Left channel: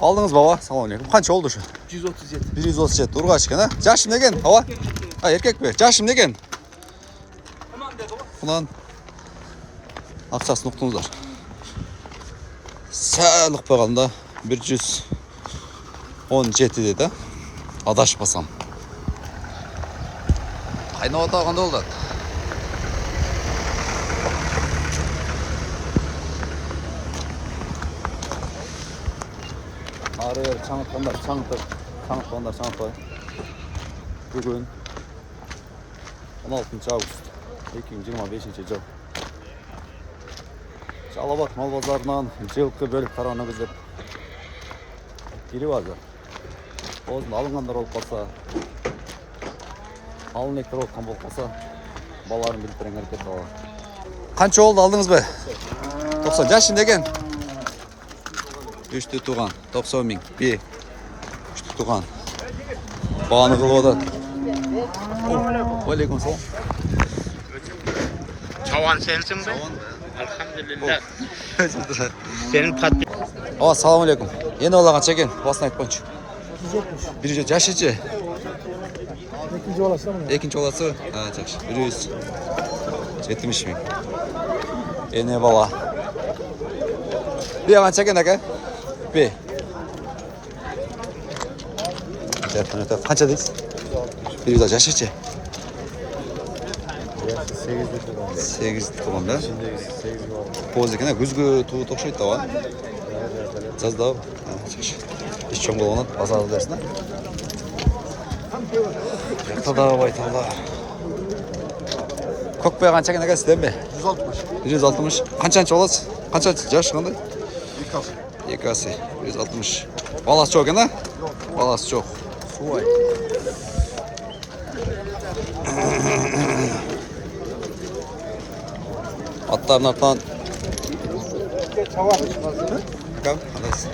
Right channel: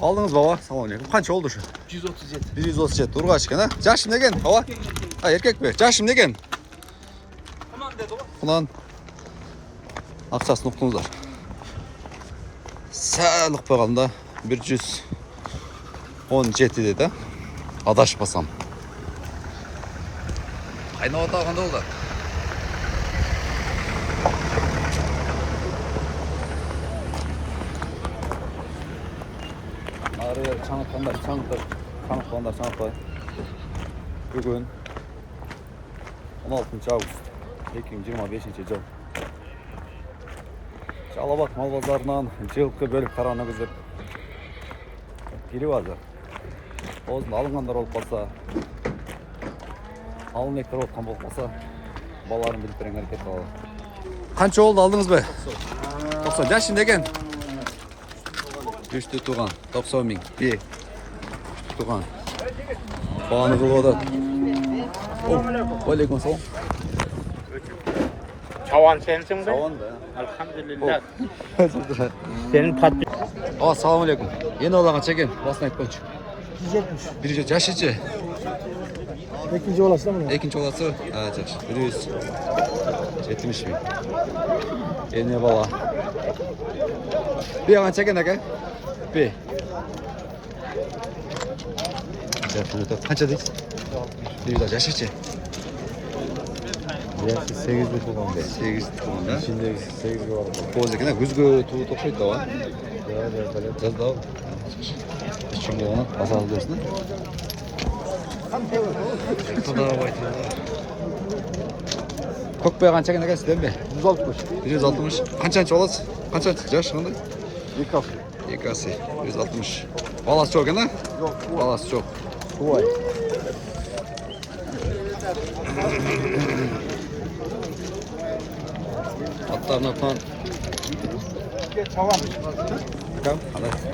Алдыңыз баба, салам алейкум. Қанша oldu şu? 137. 137. Urgaç ekan, ha? Yaşım negen? Baba? Ha, erkek mi? Yaşım negen? Bundan ақшасын ұқтыңыздар. Сәл ұқпағанда 117 деді. Адашпасам. Қайнап атағанда олдат. Ары чаңытқандар. Бүгін 16 август 2025 жыл. Жалабат мал базарынан жылқы бөліп таранымыз деп келіп азыр. Осын алынғандар болып қалса, алынектер болып қалса, баларын білдірен әрекет қала. Қанша oldu алдыңыз бе? 90. Жашын деген? 3-ті туған. 90 мың. 3-ті туған. Бағаны қылып одады. Алейкум салам. Çavan sensin be? Çavan be. Elhamdülillah. Senin patlı. Assalamu alaikum. Yeni olağan çekin. Basın ayıp boyunca. 170. Yaşıcı. İkinci olası mı? Ekinci olası. Ha, çakış. 170 mi? Yeni bala. Bir yalan çekin aka. Bir. Kaça deyiz? 100 yaşıcı. 8 туғанда. Поз екен, күзгі туы тоқшайды да ва? Жазда ау. Еш чоң болғанат, басады дәрсіне. Тада байталда. Көкбе қанша екен әкесі дәм бе? 160. 160. Қаншаншы оласыз? Қаншаншы? Жаш қандай? 2 асы. 2 асы. 160. Баласы жоқ екен, а? Баласы жоқ. Суай. Atların artan. Bakalım, anlarız.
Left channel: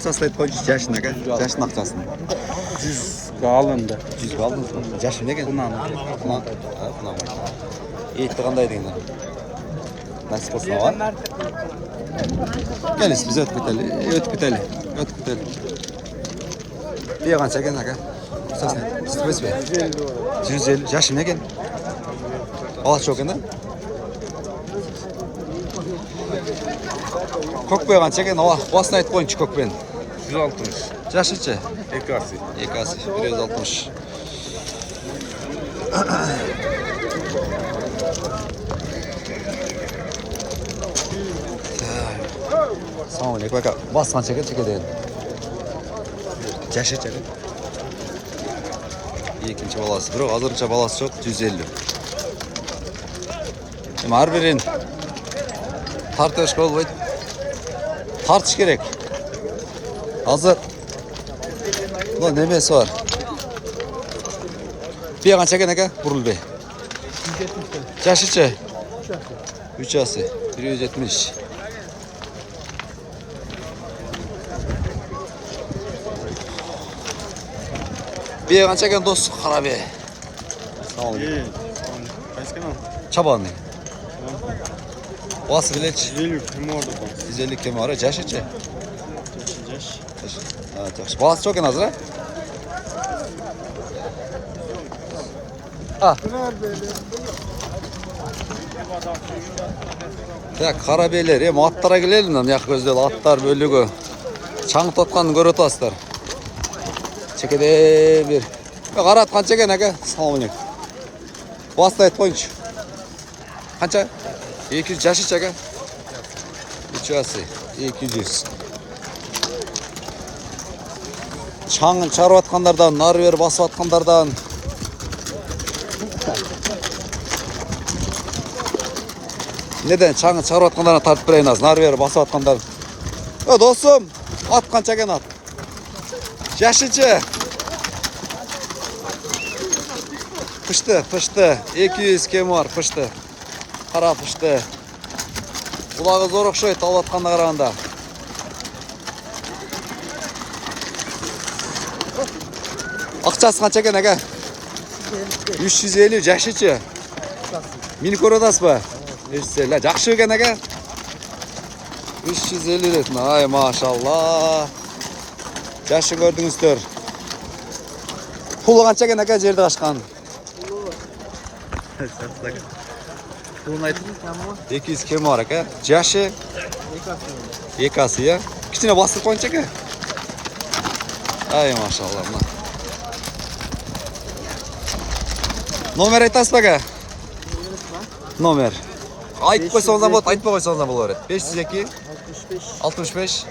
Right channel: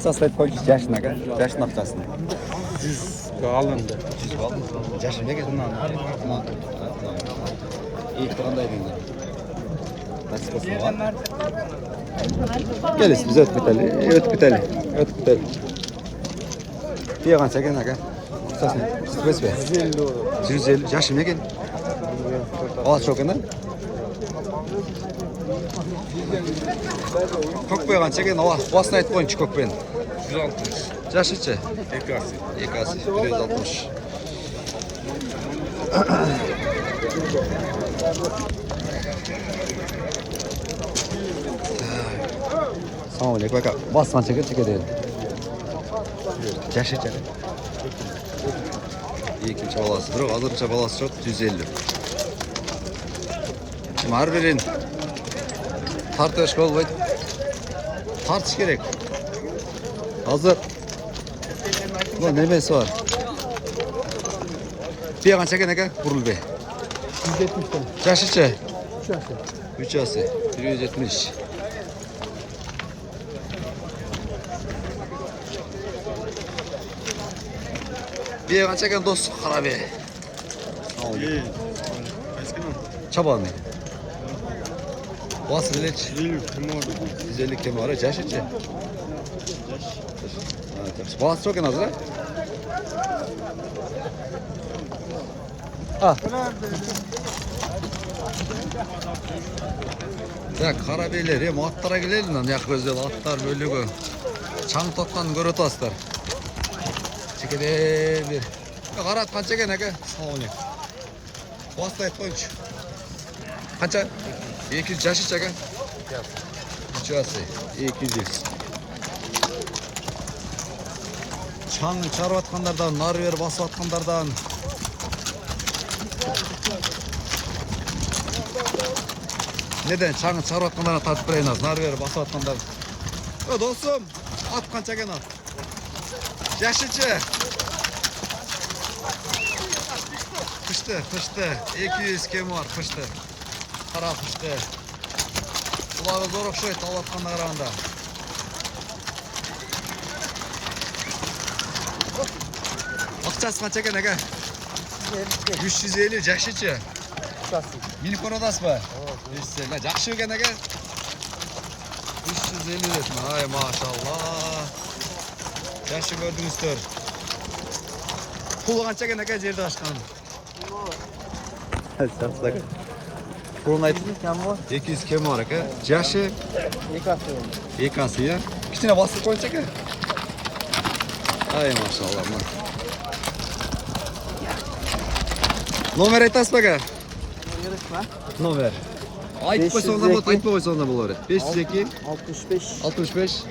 Saslayıp koy, yaşın aga. Yaşın akçasını. 100 alındı. 100 aldın mı? Yaşın ne geldi? Bundan. İyi, tıkandaydı yine. Nasıl olsun var? Geliz, biz öt biteli. Bir yakan çeken aga. Sasın, sıkıs be. 150. Yaşın ne geldi? Balası çok ende? Көкбе қанша екен? Басын айтып қойыншы көкбен. 160. Жашыншы? 2 асы. 2 асы. 160. Салам алейкум ака. Басы қанша екен чекеден? Жашыншы ака? Екінші баласы. Бірақ азырынша баласы жоқ. 150. Әрбірін тартыш болбайды. Тартыш керек. Азыр немесі бар. Бе қанша екен әке? Бұрыл бе. 170. Жашыншы? 3 асы. 170. Бе қанша екен дос? Қара бе. Салам алейкум. Çaba mı? Bası bileç. 150 kemi var. Yaş içi. Evet, bası çok en az ha? Ah. Ya karabeyler, atlara gelelim lan yak gözleri atlar bölüğü. Çang tutkanını görüp aslar. Çekede bir. Karat kan çeken aga. Sağ olun. Bası da et koyunç. Kaça? 200 yaşıç aga. 3 асы. 200. Çаңын çarıp atkanlardan, nar verip basıp atkanlardan. Neden? Çаңын çarıp atkanlardan tartıp bireyін az. Nar verip basıp atkanlardan. Dostum, at kança eken at. Yaşıcı. Pıştı. 200 kemi var, pıştı. Қара пышты. Бұлағы зор ұқшайды тауып атқанда қарағанда. Ақшасы қанша екен әке? 350 жашычы. Мені көріп отырсыз ба? Жақсы екен әке. 350 retme. Ay maşallah. Yaşı gördüңүздөр. Pulu kança eкен aka жерди качкан? Pulun aytып 200 kemi var aka. Yaşı 2 асы ya. Kichine bastırıp koyunca aka. Ay maşallah. Nomer aytasız mı aka? Nomer. Aytып койсоңуздар болот, айтпай койсоңуздар боло берет. 502 65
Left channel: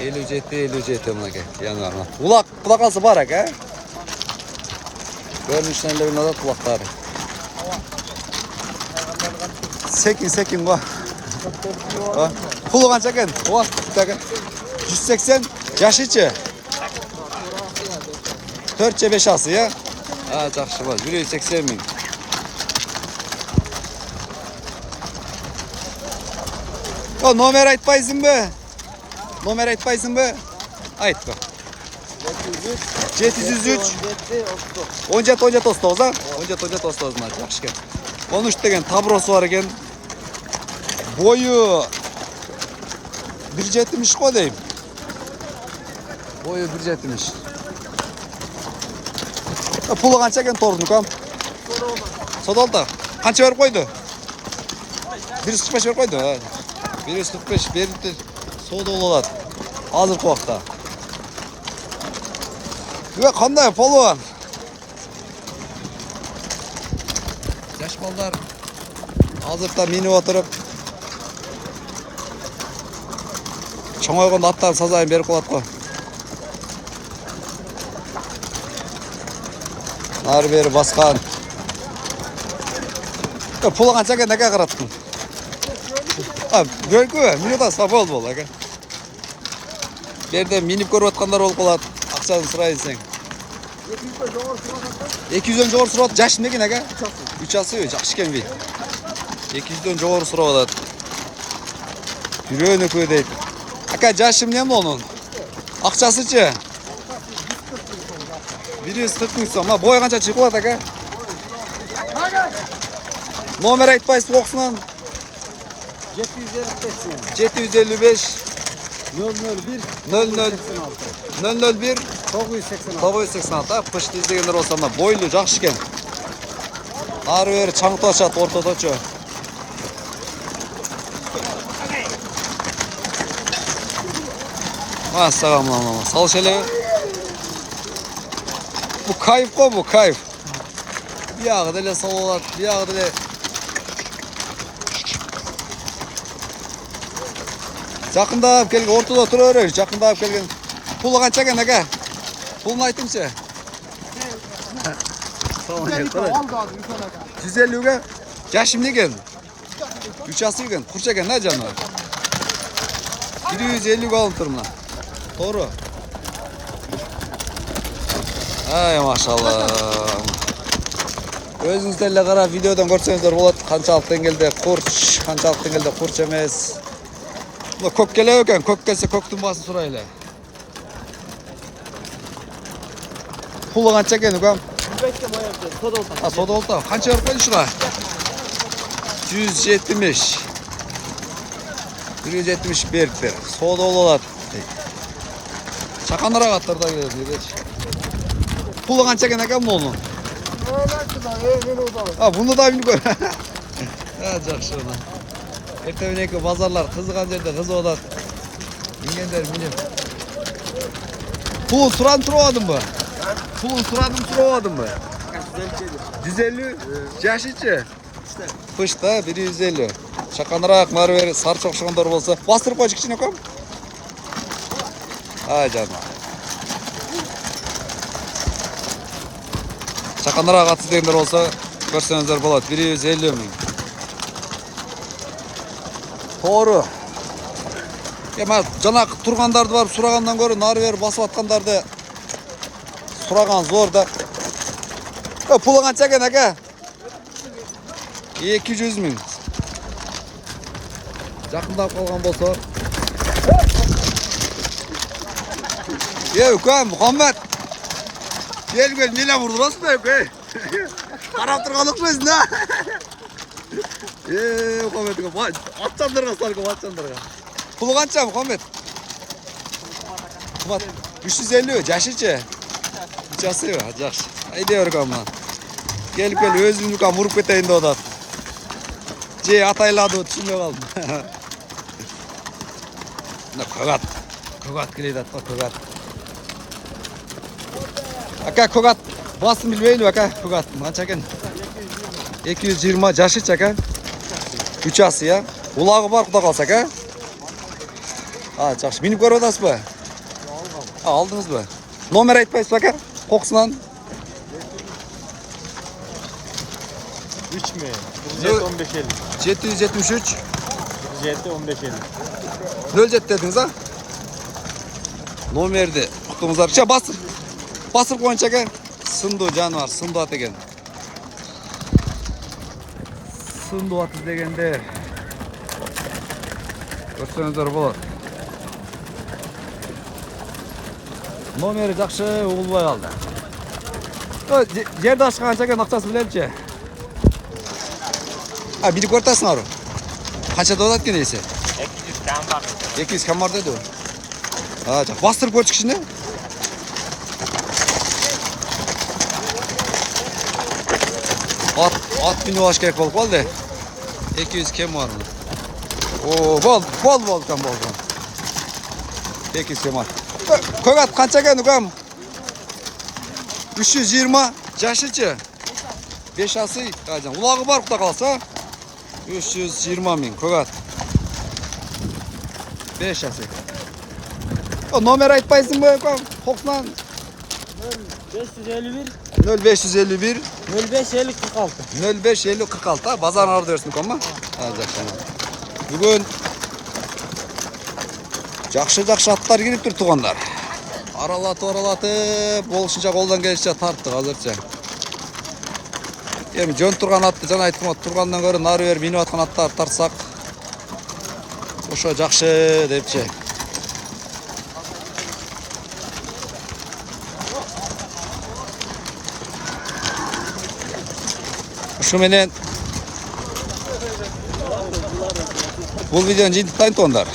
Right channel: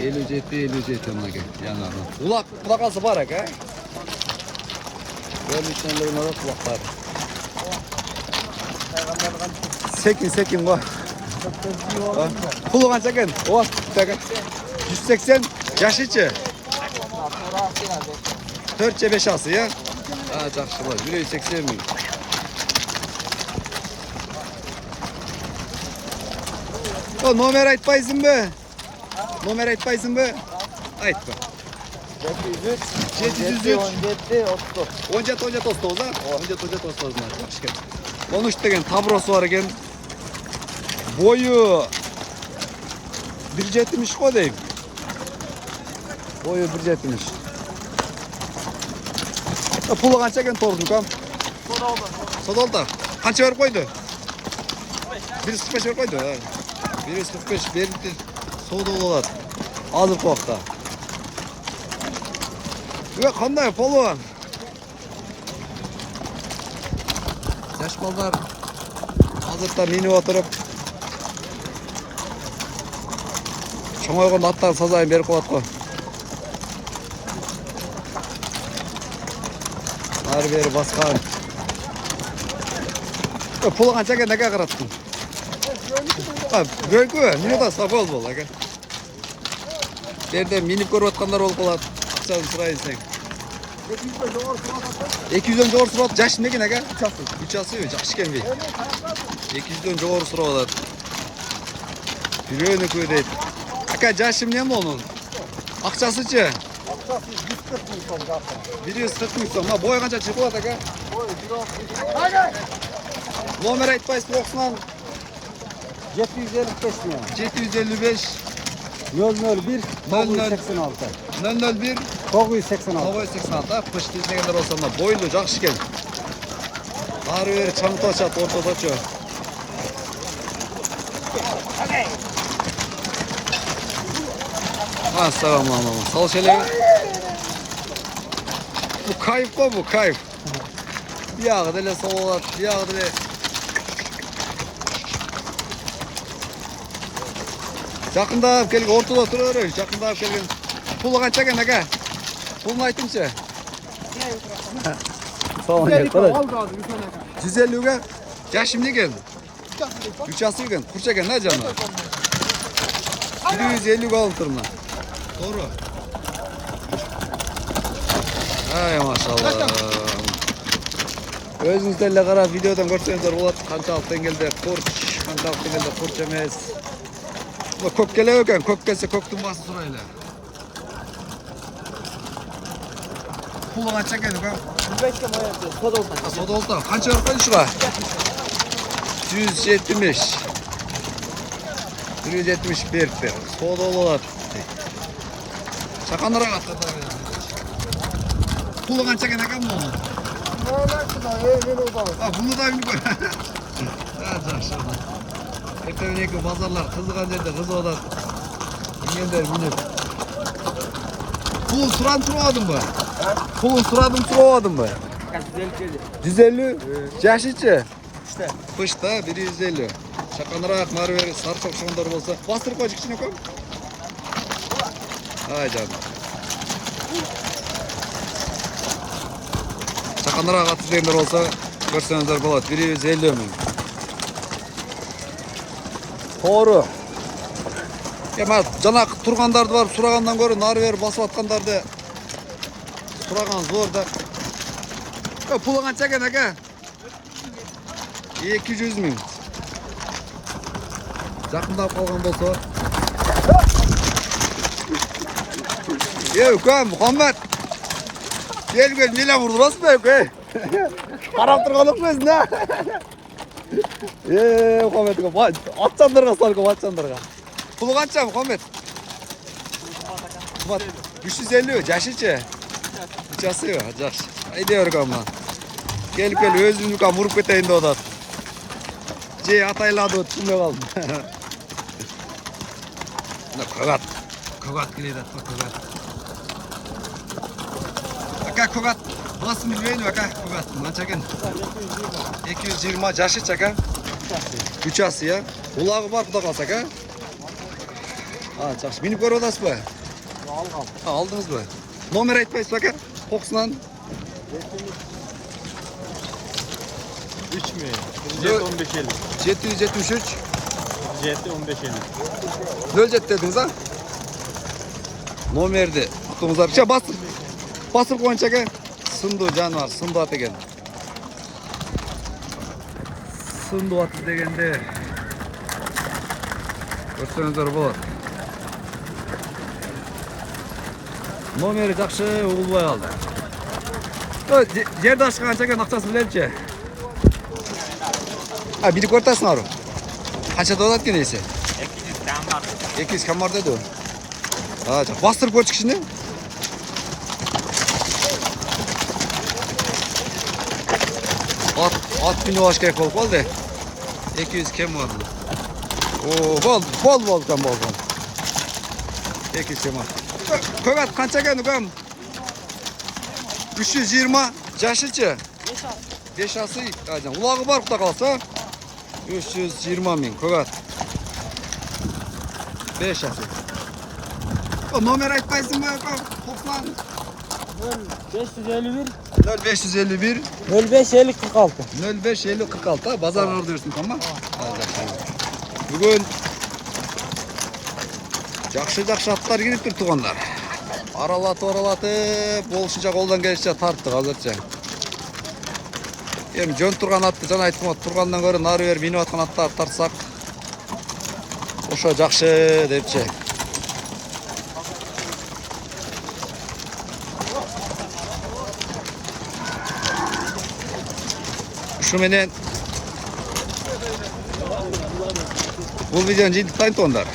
57 мынакей. Yanarına. Kulaklısı var aka. Görünüşlerinde de kulakları. Sekin koy. Pulu kança eken? Oğa, aka. 180 yaşıcı. 4-5 ası ya. Ha, жақсы var. 180 bin. O nomer aytpayсың mı? Nomer aytpayсың mı? Ayt bak. 703 17 19 ha? 17 19 mı? Жақсы eкен. 13 деген табросы var eкен. Boyu 1.70 ko deyim. Boyu 1.70. Pulu kança eкен тордун кам? Содолда. Kança berip koydu? 145 berip koydu. 145 beripti. Soda olalat. Azırkı vaqta. Ve qanday polvon? Yaş balдар azırda minip oturup çoңойгон аттар сазайын берип коет го. Ары бери баскан. Пулу канча экен aka караттың? Görkü, minuta sabol bol aka. Берде минип көрүп аткандар болуп калат. Акчаны сурайын сен. 200дөн жогору сурап жаш некен aka? 3 асы жакшы экен бей. 200дөн жогору сурап атат. Бирөөнү көө дейт. Aka жашы эмне монун? Акчасычы? 140 миң сом. Бой канча чыгып калат aka? Номер айтпайсыз окусунан 755 001 986 пышты издегендер болсо мына бойлуу жакшы экен. Ары бери чаңташат ортодочу. Ассаламу салыш эле. Bu kayıp ko bu kayıp. Biyagı dele salalat, biyagı dele. Жақындап келген, ортада тұра берер, жақындап келген. Пулы қанша екен aka? Пулын айтыңшы. 150-ге? Жашым не екен? 3 асы екен, құрша екен, на жаны? 150-ге алып тұр мына. Doğru. Ay maşallah. Өзіңіздер эле карап видеодан көрсөңүздөр болот. Канчалык деңгээлде курч, канчалык деңгээлде курч эмес. Көк келе екен, көк келсе көктің басын сұрайлы. Пулы қанша екен үкем? 105 кем аяқты, сода олтан. Сода олтан. Қанша өріп қойды шыға? 170. 170 беріп бер. Сода олады. Шақанырақ аттарда келеді. Пулы қанша екен екен мұны? Бұны да мені көр. Жақшы одан. Ertemeneki pazarlar kızıkan yerde kızı odat. Bilgenler minip. Pulun suran suramadın mı? Pulun suradım suramadın mı? 150. Yaşıcı? Pışta 150. Şakanırak marı veri sarı okşağınдар bolsa. Bastırıp koy içine koy. Ay canım. Şakanırak atı degenler olsa görsenizdер болады. 150 000. Doğru. Ya жана тургандарды барып сурагандан көрө нары бери басып аткандарды сураган зор да. Пулу канча экен aka? 200 000. Жакындап калган болсо. Ukam Muhammed. Gel neyle vurdurasın be ukam? Karap turgan okşayısın ha. Muhammed ukam atçandırga sarkım atçandırga. Pulu kança Muhammed? Kubat 350 жашычы. Жасы жакшы. Айда өргөм. Келип өзүмдү кам уруп кетейин деп атат. Же атайлады түшүнбөй калдым. Мына көгат келет атпа көгат. Ака көгат басын билбейм ака көгат. Канча экен? 220 жашычы ака. Үчасы я. Улагы бар куда калса ака. Жакшы. Минип көрүп атасызбы? Алдыңызбы? Номер айтпайсызбы ака? Кокусунан. 3 mü? 1550. 773 1550. 07 dediniz ha? Номерди кутуңуздар. Басып коюнчу ака. Сынду жаныбар, сынду ат экен. Сынду ат дегенде көрсөңүздөр болот. Номери жакшы угулбай калды. Жерди ашкан канча экен акчасы билемчи? Билип көртасыңарбы? Канча деп атат экен эсе? 200 gram var. 200 кам бар деди. Бастырып көрчү кичине. At bini baş gerek bol de. 200 kem var mı? Bol kan bol. 200 kem var. Koyat kança geldi kam? 320 жашычы. 5 асы. Ulağı var kuda kalsa. 320 bin koyat. 5 асы. O nomer aytpayсың mı kam? Koksunan. 551. 0551 0550 46. 0550 46 bazar ardı versin kama. Бүгін жакшы аттар келип тур тугандар. Аралатып болушунча колдон келишинче тарттык азырча. Эми жөн турган атты жана айттым, тургандан көрө нары бери минип аткан аттарды тартсак ошо жакшы депчи. Şu menen bu videonun jintayın tonlar.